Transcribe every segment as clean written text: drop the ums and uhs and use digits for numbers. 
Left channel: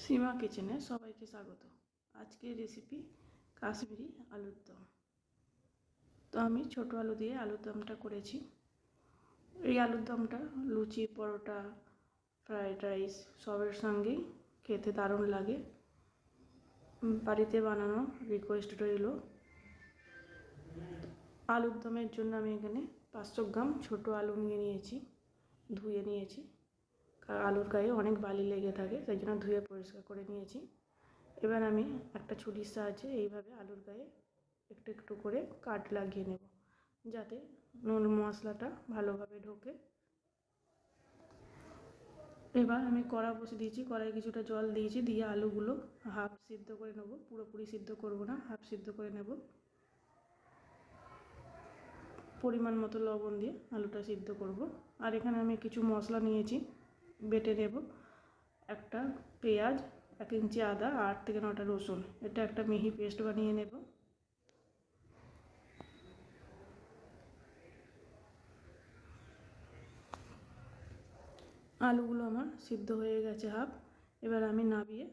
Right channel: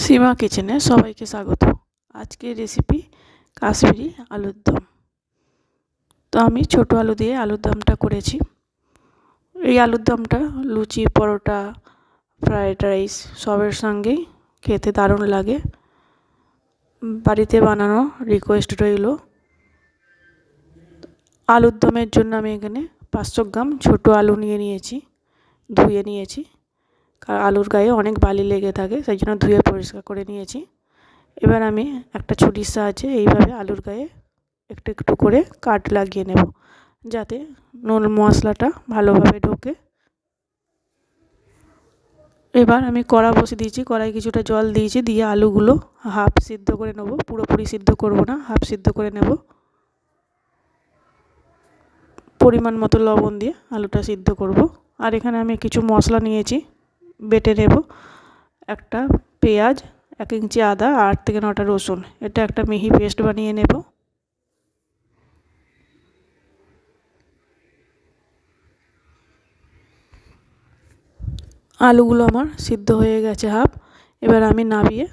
সীমা কিচেনে সবাইকে স্বাগত। আজকের রেসিপি কাশ্মীরি আলুর দম। তো আমি ছোট আলু দিয়ে আলুর দমটা করেছি। এই আলুর দমটা লুচি, পরোটা, ফ্রায়েড রাইস সবের সঙ্গেই খেতে দারুণ লাগে। বাড়িতে বানানো রিকোয়েস্ট রইল। আলুর দমের জন্য আমি এখানে 500 গ্রাম ছোট আলু নিয়েছি, ধুয়ে নিয়েছি। কারণ আলুর গায়ে অনেক বালি লেগে থাকে, সেই জন্য ধুয়ে পরিষ্কার করে নিয়েছি। এবার আমি একটা ছুরির সাহায্যে এইভাবে আলুর গায়ে একটু একটু করে কাট লাগিয়ে নেব, যাতে নুন মশলাটা ভালোভাবে ঢোকে। এবার আমি কড়া বসিয়ে দিয়েছি, কড়াই কিছুটা জল দিয়েছি, দিয়ে আলুগুলো হাফ সিদ্ধ করে নেব। পুরোপুরি সিদ্ধ করব না, হাফ সিদ্ধ করে নেব। পরিমাণ মতো লবণ দিয়ে আলুটা সিদ্ধ করব। আর এখানে আমি কিছু মশলা নিয়েছি, বেটে নেব। একটা পেঁয়াজ, 1 ইঞ্চি আদা, 8 থেকে 9টা রসুন, এটা একটা মিহি পেস্ট বানিয়ে নেব। আলুগুলো আমার সিদ্ধ হয়ে গেছে হাফ। এবার আমি নামিয়ে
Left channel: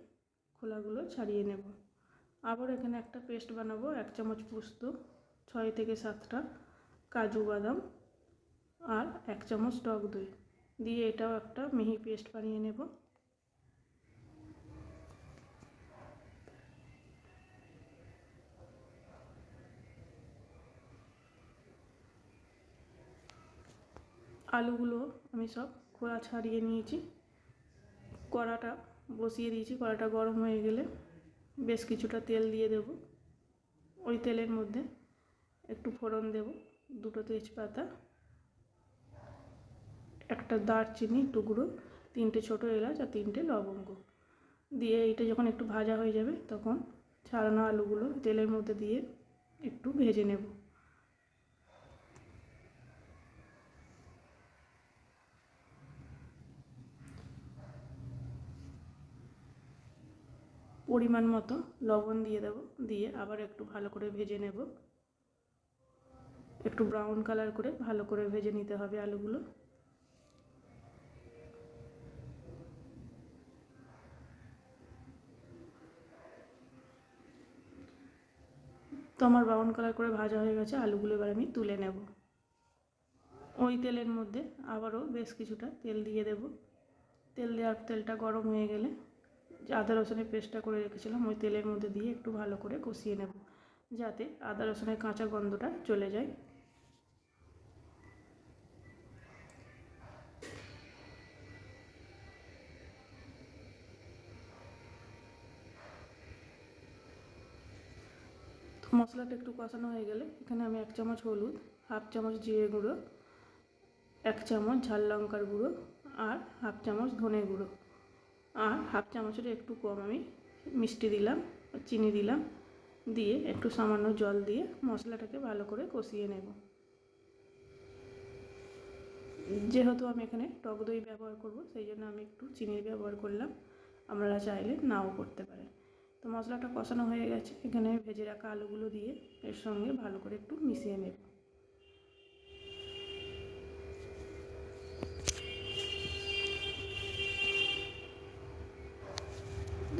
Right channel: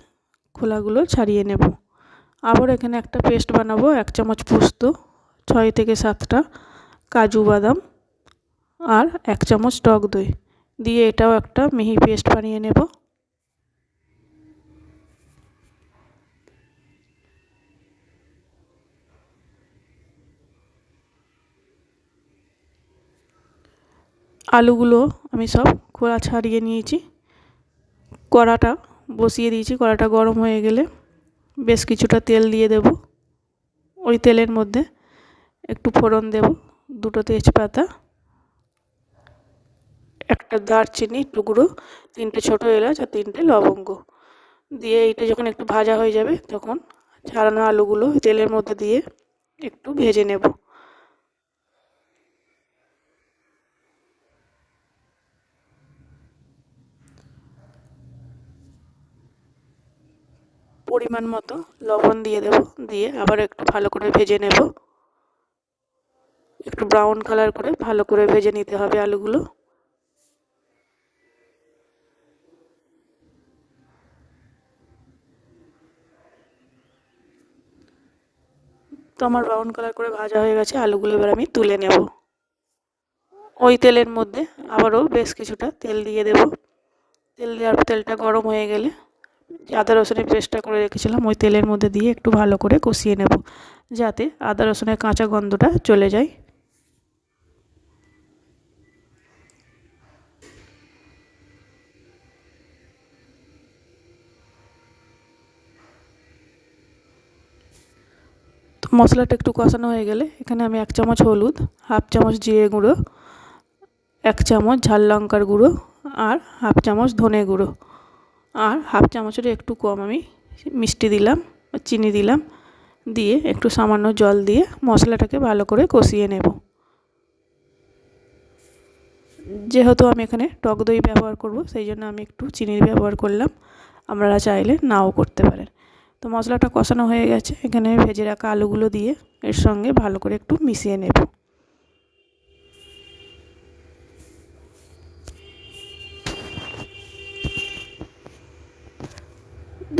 খোলাগুলো ছাড়িয়ে নেব। আবার এখানে একটা পেস্ট বানাবো। 1 চামচ পোস্ত, 6 থেকে 7টা কাজু বাদাম আর 1 চামচ টক দই দিয়ে এটাও একটা মিহি পেস্ট বানিয়ে নেব। আলুগুলো আমি সব খোলা ছাড়িয়ে নিয়েছি। কড়াটা বসিয়ে দিয়েছি, কড়াটা গরম হয়ে গেলে বেশ কিছুটা তেল দিয়ে দেব। ওই তেলের মধ্যে একটু ফোড়ন দেব, 2টো তেজপাতা, একটা দারচিনি টুকরো, 3টে ছোটো এলাচ আর 3টে লবঙ্গ দিয়ে এটা যখন একটু ভাজা হয়ে যাবে তখন ছাড়ানো আলুগুলো তেলের মধ্যে দিয়ে একটু ভেজে নেব। পরিমাণ মতো লবণ দিয়ে দেব, দিয়ে আবার একটু ভালো করে ভেজে নেব। একটু ব্রাউন কালার করে ভালো করে ভেজে নিতে হবে আলুগুলো। তো আমার ব্রাউন কালার করে ভাজা হয়ে গেছে আলুগুলো, এবার আমি তুলে নেব। ওই তেলের মধ্যে আবারও বেশ কিছুটা তেল দিয়ে দেব। তেল দেওয়ার পর তেলটা গরম হয়ে গেলে আদা রসুনের পেস্টটা করে রেখেছিলাম ওই তেলের মধ্যে দিয়ে একটু ভালো করে কষিয়ে নেব, যাতে আদা রসুনের কাঁচা গন্ধটা চলে যায়। তো মশলাটা একটু কষানো হয়ে গেলে এখানে আমি 1 চামচ হলুদ, হাফ চামচ জিরে গুঁড়ো, 1 চামচ ঝাল লঙ্কার গুঁড়ো আর হাফ চামচ ধনে গুঁড়ো আর হাফ চামচের একটু কম আমি মিষ্টি দিলাম, চিনি দিলাম, দিয়ে একটু সামান্য জল দিয়ে মশলাটাকে ভালো করে কষিয়ে নেব। যেহেতু আমি এখানে টক দই ব্যবহার করব, সেই জন্য আমি একটু চিনির ব্যবহার করলাম, আপনারা চাইলে নাও করতে পারেন। তো মশলাটা কষানো হয়ে গেছে, এখানে ভেজে রাখা আলুগুলো দিয়ে এর সঙ্গে ভালো করে একটু মিশিয়ে নেব।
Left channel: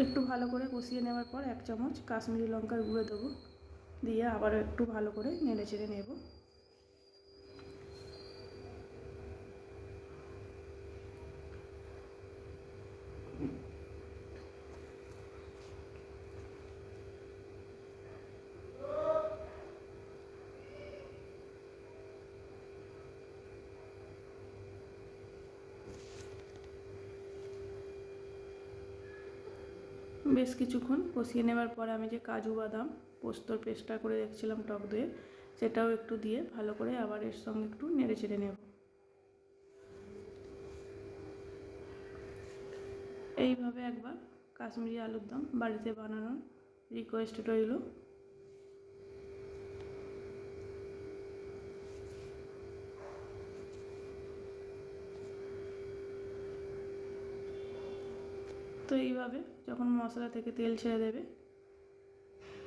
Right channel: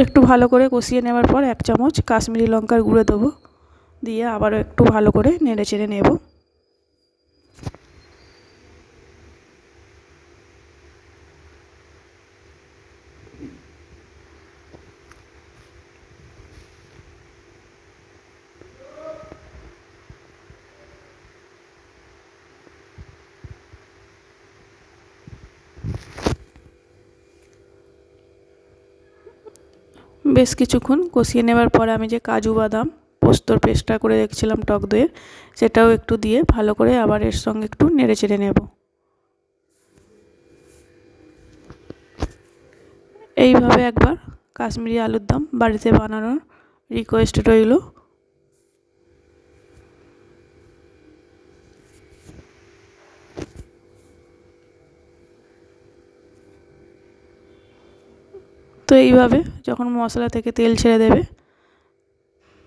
একটু ভালো করে কষিয়ে নেওয়ার পর 1 চামচ কাশ্মীরি লঙ্কার গুঁড়ো দেবো, দিয়ে আবারও একটু ভালো করে নেড়ে চেড়ে নেব। বেশ কিছুক্ষণ কষিয়ে নেওয়ার পরে আমি যে কাজু বাদাম পোস্তর পেস্টটা করে রেখেছিলাম টক দইয়ের, সেটাও একটু দিয়ে ভালো করে আবার এর সঙ্গে একটু নেড়ে চেড়ে নেব। এইভাবে একবার কাশ্মীরি আলুর দম বাড়িতে বানানোর রিকোয়েস্ট রইল। তো এইভাবে যখন মশলা থেকে তেল ছেড়ে দেবে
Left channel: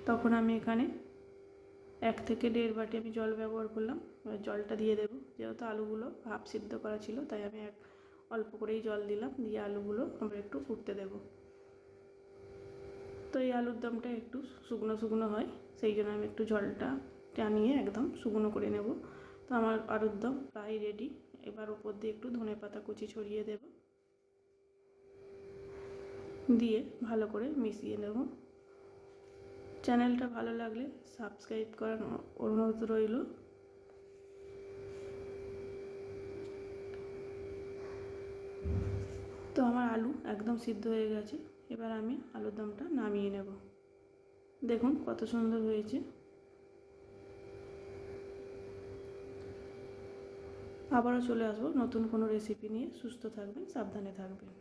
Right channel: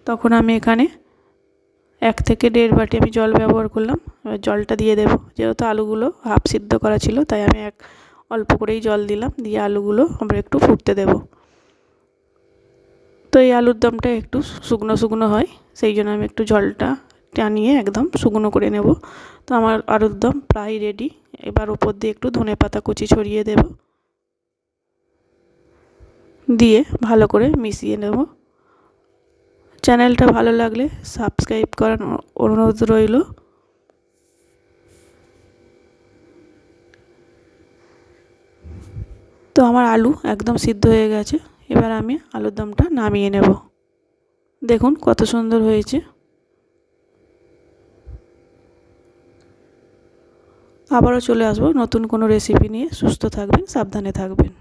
তখন আমি এখানে 1 থেকে 1.5 বাটি আমি জল ব্যবহার করলাম। এবার জলটা দিয়ে দেব, যেহেতু আলুগুলো হাফ সিদ্ধ করা ছিল তাই আমি অল্প করেই জল দিলাম, দিয়ে আলুগুলো আমরা একটু ফুটতে দেব। তো এই আলুর দমটা একটু শুকনো শুকনো হয়, সেই জন্য আমি একটু জলটা টানিয়ে একদম শুকনো করে নেব। তো আমার আলুর দম প্রায় রেডি। এবার ওপর দিয়ে একটু ধনেপাতা কুচি ছড়িয়ে দেব, দিয়ে ভালো করে মিশিয়ে নেব। চ্যানেলটা ভালো লাগলে সাবস্ক্রাইব করার অনুরোধ রইল। তো আমার আলু একদম সিদ্ধ হয়ে গেছে, এবার আমি আলুর দমটা নামিয়ে নেব। দেখুন কত সুন্দর হয়েছে। আবারও চলে আসবো নতুন কোনো রেসিপি নিয়ে। সুস্থ থাকবেন, সাবধানে থাকবেন।